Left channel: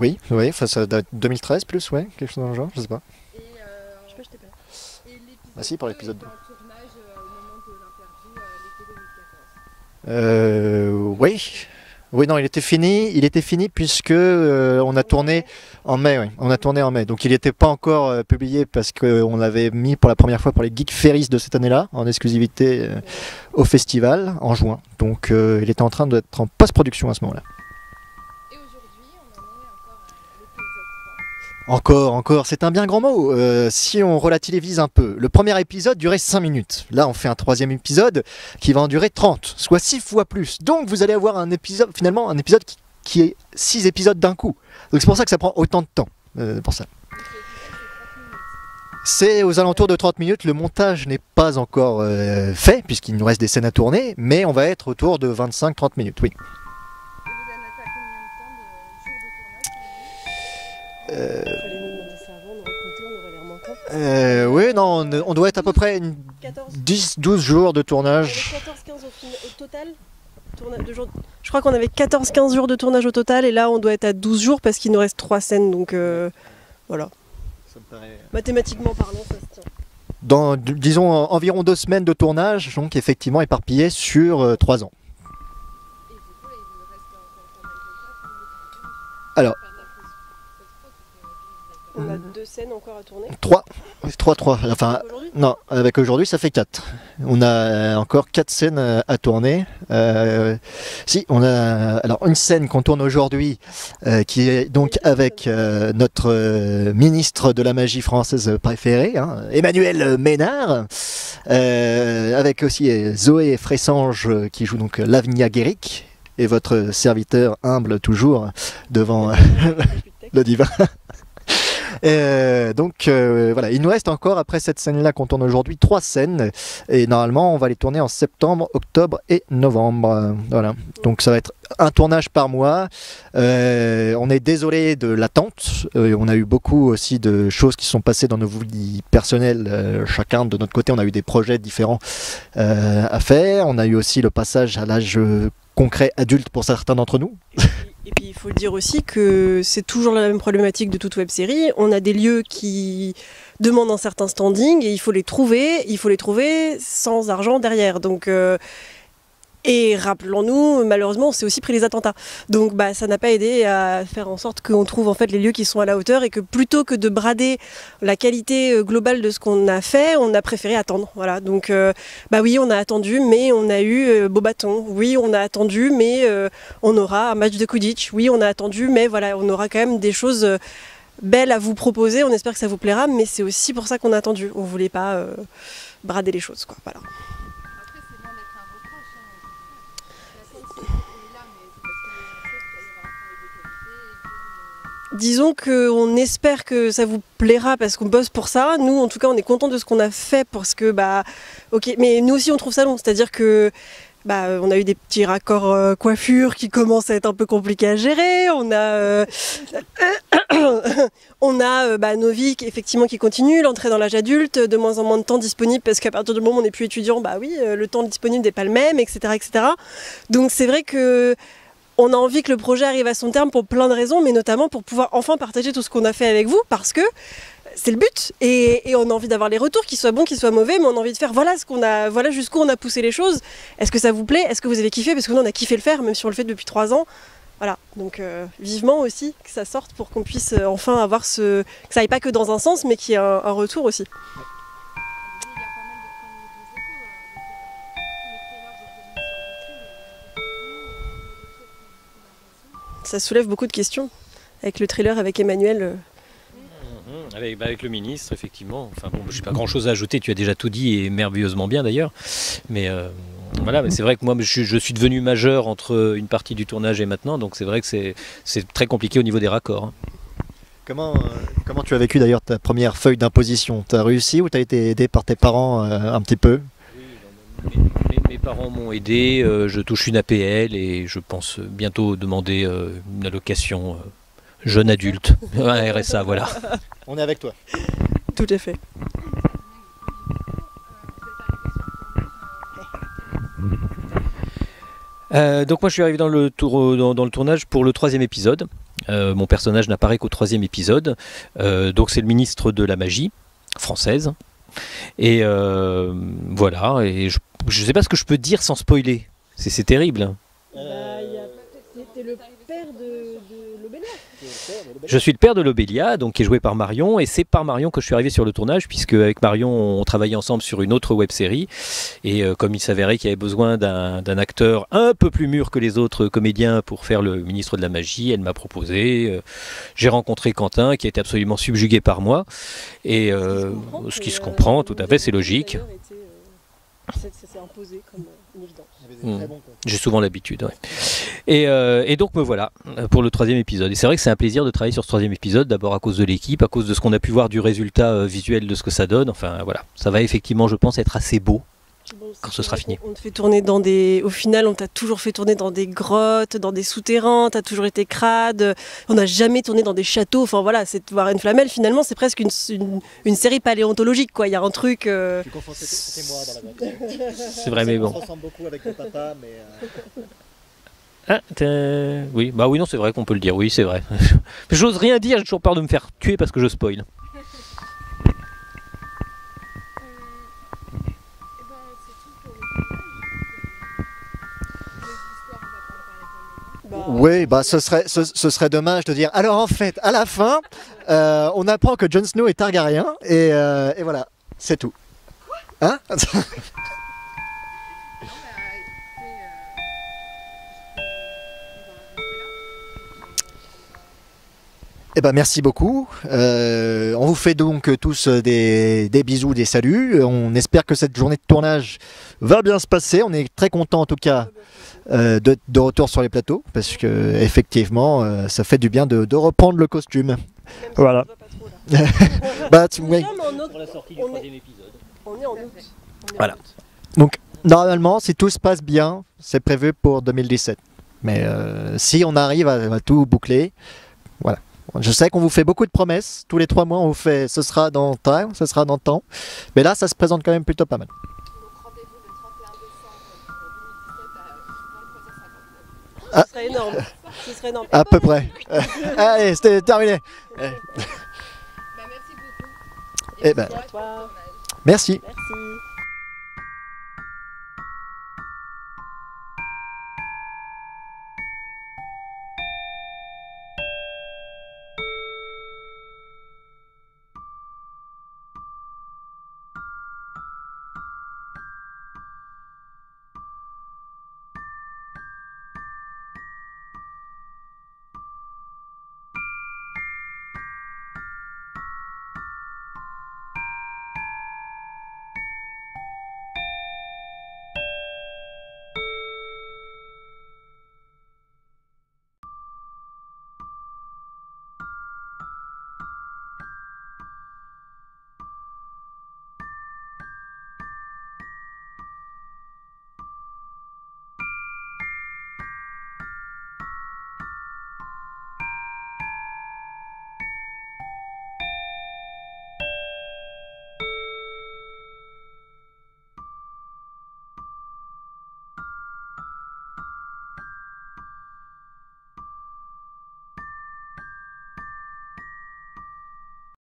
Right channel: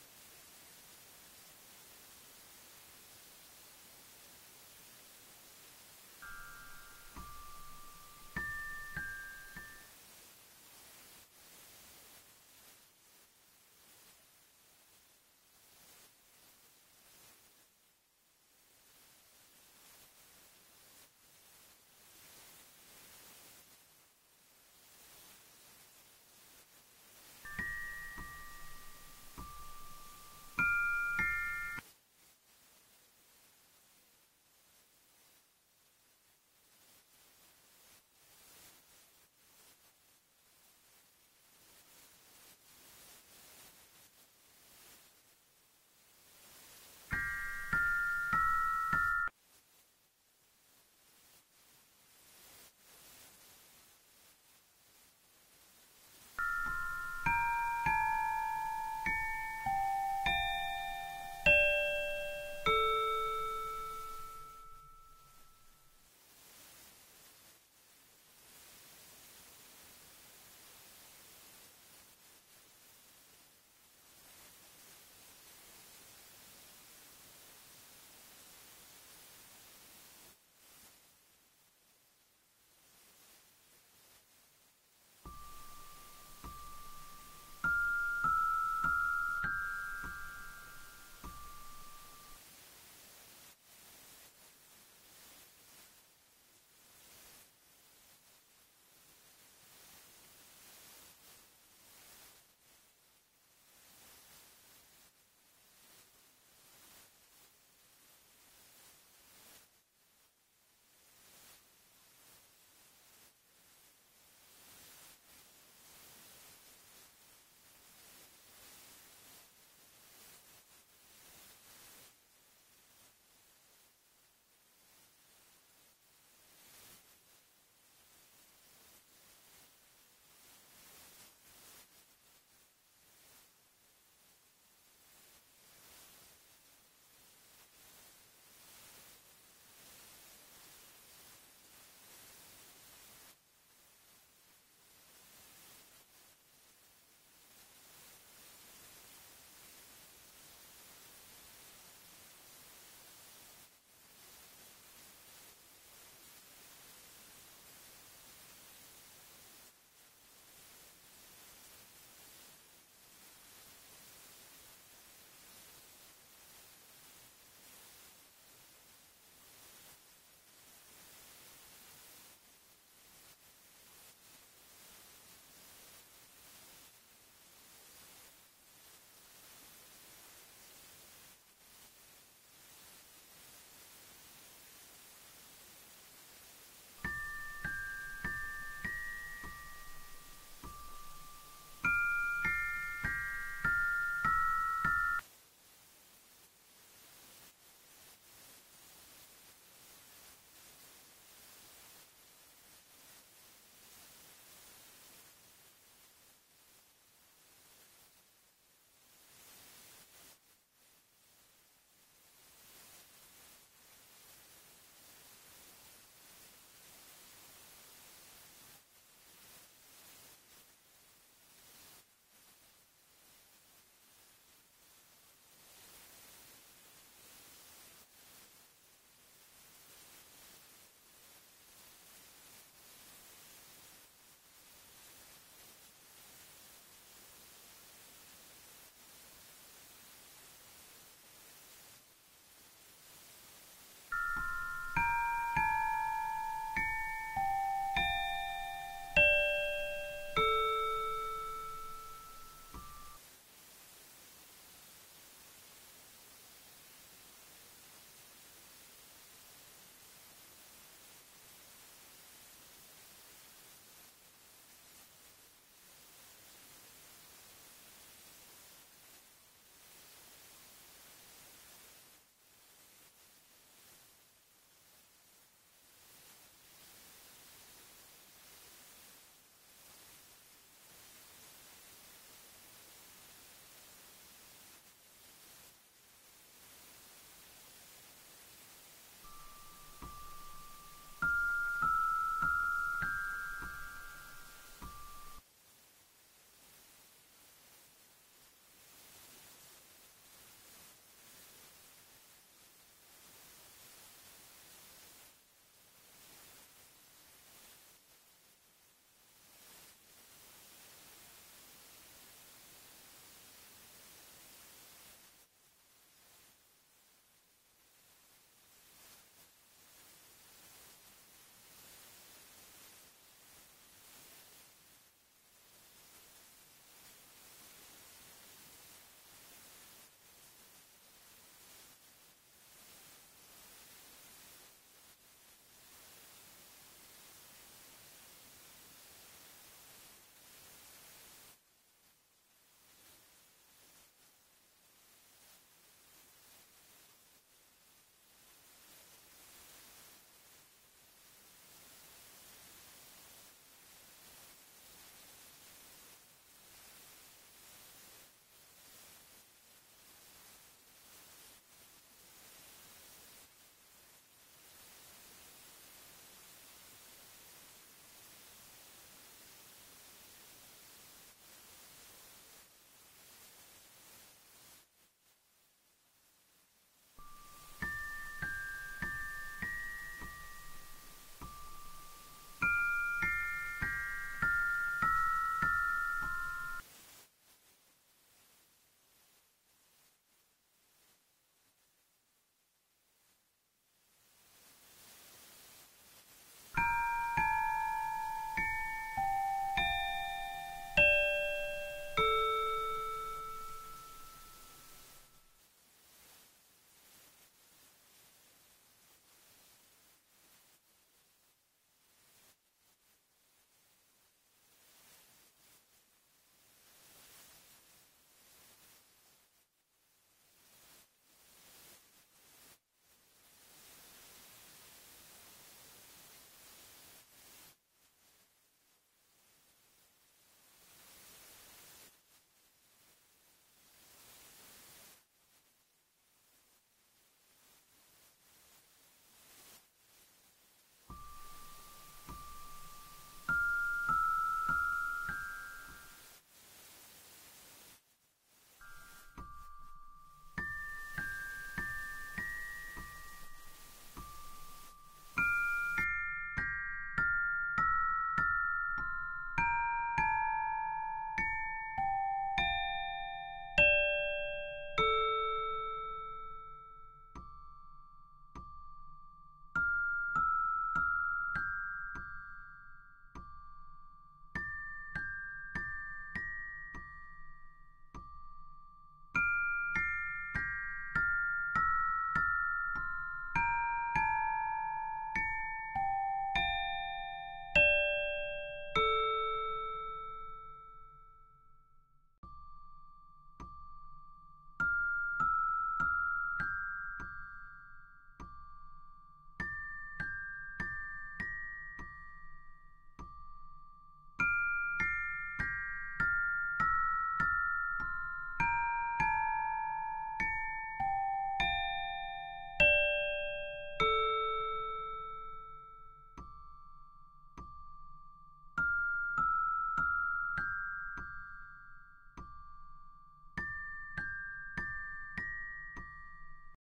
Oui, oui, enfin, ça doit être 2013 plus, ouais, quelque chose dans le genre, je sais pas. Et, je sais pas, je t'ai pas. Et Ah l'épisode si, pour 2 l'épisode était 2. en tournage au moment de l'interview l'été 2014. Oui. Oui, non, il était fini puisque on a Tourné en tourné mai. en mai, oui. On a tourné en mai. Donc il n'était pas encore publié parce qu'on l'avait mis pour la première fois pour les Geek Ferries de cette année-là, en exclusivité Ouais. au festival, en juin. Donc il était en train d'être en post-production à ce moment-là. Et aujourd'hui, on en est encore à l'épisode 3. Encore, c'est un bien grand mot. Si on relativise un peu, le premier épisode durait 5 minutes. Là, on fait un troisième épisode qui va en durer 30, soit 6 fois plus. Donc vous allez avoir un épisode, finalement, un épisode qui est 6 épisodes d'un coup. Donc c'est pour ça que ça prend autant de temps. Pour ça. Donc cet épisode fait 30 minutes. C'est aux alentours de 30 minutes. Le montage n'est pas encore fait, puisqu'il nous reste des scènes à tourner, mais on va être autour de 25-30 minutes, oui. Et vous en êtes à combien de temps de jours de tournage aujourd'hui? Fallait nous demander ça avant, on aurait compté, on aurait l'air menteur. Oui, non, on doit être à peu près une 14. 10-12 jours de On avait tournage. 14-15 au total. Je crois qu'on avait 14-15 jours de tournage au total et là on doit être à 12 jours parce qu'il nous reste 3 scènes donc voilà. Ça me paraît... Mathématiquement parlant, ça se tient. Dans, disons, environ 2 semaines de tournage, donc effectivement éparpillé sur 3 ans. Et du coup, là, il vous reste encore pas mal de taf pour les tourner. Alors, Enfin, la post-prod, parce qu'aujourd'hui, vous êtes On a 2 scènes encore à tourner. 3. 3. Enfin, Aujourd'hui non, avec aujourd'hui, ça fait 4. On a encore 4 scènes à tourner. Si, on a alors une scène qu'on tourne aujourd'hui, qui est donc avec notre ministre de la magie française préférée, hein, Emmanuel Ménard, avec aussi Zoé Fressange qui joue donc Lavinia Guéric, et votre serviteur humble toujours devant le divin. Voilà, il nous reste encore après cette scène-là qu'on tourne aujourd'hui 3 scènes et normalement on va les tourner en septembre, octobre et novembre. Voilà, donc ça va être un tournage par mois. On est désolé de l'attente. On a eu beaucoup aussi de choses qui sont passées dans nos vies personnelles. Chacun de notre côté, on a eu des projets différents à faire. On a eu aussi le passage à l'âge concret adulte pour certains d'entre nous. Et puis il faut le dire aussi que c'est toujours la même problématique de toute web série. On a des lieux qui demandent un certain standing et il faut les trouver sans argent derrière. Donc et rappelons-nous, malheureusement, on s'est aussi pris les attentats. Donc bah, ça n'a pas aidé à faire en sorte qu'on trouve en fait les lieux qui sont à la hauteur et que plutôt que de brader la qualité globale de ce qu'on a fait, on a préféré attendre. Voilà. Donc bah oui, on a attendu, mais on a eu Beaubaton. Oui, on a attendu, mais on aura un match de Quidditch. Oui, on a attendu, mais voilà, on aura quand même des choses belles à vous proposer. On espère que ça vous plaira, mais c'est aussi pour ça qu'on a attendu. On voulait pas brader les choses, quoi. Voilà. Après, c'est loin d'être un reproche. L'attente, elle est là, mais c'est parce qu'il y a une chose, c'est d'avoir un travail de qualité et Disons qu'on espère que ça vous plaira parce qu'on bosse pour ça. Nous, en tout cas, on est content de ce qu'on a fait parce que, bah, ok, mais nous aussi, on trouve ça long. C'est-à-dire que, bah, on a eu des petits raccords coiffure qui commencent à être un peu compliqués à gérer. On a bah, nos vies effectivement qui continuent, l'entrée dans l'âge adulte, de moins en moins de temps disponible parce qu'à partir du moment où on n'est plus étudiant, bah oui, le temps disponible n'est pas le même, etc., etc. Donc c'est vrai que on a envie que le projet arrive à son terme pour plein de raisons, mais notamment pour pouvoir enfin partager tout ce qu'on a fait avec vous, parce que c'est le but. Et on a envie d'avoir les retours, qu'ils soient bons, qu'ils soient mauvais, mais on a envie de faire voilà ce qu'on a, voilà jusqu'où on a poussé les choses. Est-ce que ça vous plaît? Est-ce que vous avez kiffé? Parce que nous on a kiffé le faire, même si on le fait depuis 3 ans. Voilà, donc vivement aussi que ça sorte pour qu'on puisse enfin avoir que ça aille pas que dans un sens, mais qu'il y ait un retour aussi. Ça soulève beaucoup de questions. Avec le trailer avec Emmanuel. Avec le ministre, effectivement. Enfin bon, je n'ai pas grand-chose à ajouter, tu as déjà tout dit et merveilleusement bien d'ailleurs. Mais voilà, mais c'est vrai que moi je suis devenu majeur entre une partie du tournage et maintenant, donc c'est vrai que c'est très compliqué au niveau des raccords. Comment tu as vécu d'ailleurs ta première feuille d'imposition? Tu as réussi ou tu as été aidé par tes parents un petit peu? Mes parents m'ont aidé, je touche une APL et je pense bientôt demander une allocation jeune adulte, un RSA, voilà. On est avec toi. Tout à fait. Donc moi je suis arrivé dans le tournage pour le 3e épisode. Mon personnage n'apparaît qu'au 3e épisode. Donc c'est le ministre de la magie française. Et voilà. Et je ne sais pas ce que je peux dire sans spoiler. C'est terrible. T'es le père de Lobélia. Je suis le père de Lobélia, donc qui est joué par Marion, et c'est par Marion que je suis arrivé sur le tournage, puisque avec Marion on travaillait ensemble sur une autre web-série, et comme il s'avérait qu'il y avait besoin d'un acteur un peu plus mûr que les autres comédiens pour faire le ministre de la magie, elle m'a proposé. J'ai rencontré Quentin, qui a été absolument subjugué par moi, et ce qui se comprend, tout à fait, c'est logique. Ça s'est imposé comme une évidence. J'ai souvent l'habitude. Ouais. Et donc me voilà pour le 3e épisode. Et c'est vrai que c'est un plaisir de travailler sur ce 3e épisode, d'abord à cause de l'équipe, à cause de ce qu'on a pu voir du résultat visuel de ce que ça donne. Enfin voilà, ça va effectivement, je pense, être assez beau quand ce sera fini. On te fait tourner dans des. Au final, on t'a toujours fait tourner dans des grottes, dans des souterrains, t'as toujours été crade. On n'a jamais tourné dans des châteaux. Enfin voilà, c'est Warren Flamel, finalement, c'est presque une série paléontologique, quoi. Il y a un truc. Tu confonds, c'était moi dans la voiture. C'est vrai, mais bon. On se ressemble beaucoup avec le papa, mais. Oui, bah oui, non, c'est vrai qu'on peut le dire. Oui, c'est vrai. J'ose rien dire, j'ai toujours peur de me faire tuer parce que je spoil. Oui, bah ce serait dommage de dire. Alors en fait, à la fin, on apprend que Jon Snow est Targaryen et voilà, c'est tout. Hein? Eh ben merci beaucoup. On vous fait donc tous des bisous, des saluts. On espère que cette journée de tournage va bien se passer. On est très content en tout cas de retour sur les plateaux parce que effectivement ça fait du bien de reprendre le costume. Voilà. Bah, oui. Pour la sortie du 3e épisode. On est en août. Voilà. Donc normalement, si tout se passe bien, c'est prévu pour 2017. Mais si on arrive à tout boucler, voilà. Je sais qu'on vous fait beaucoup de promesses. Tous les 3 mois, on vous fait ce sera dans temps, ce sera dans temps. Mais là, ça se présente quand même plutôt pas mal. Donc rendez-vous le 31 décembre pour 2017 à 23h50. Ce serait énorme. Ce serait énorme. À peu près. Allez, c'était terminé. Bah, merci beaucoup. Eh ben, Merci à toi. merci. Merci.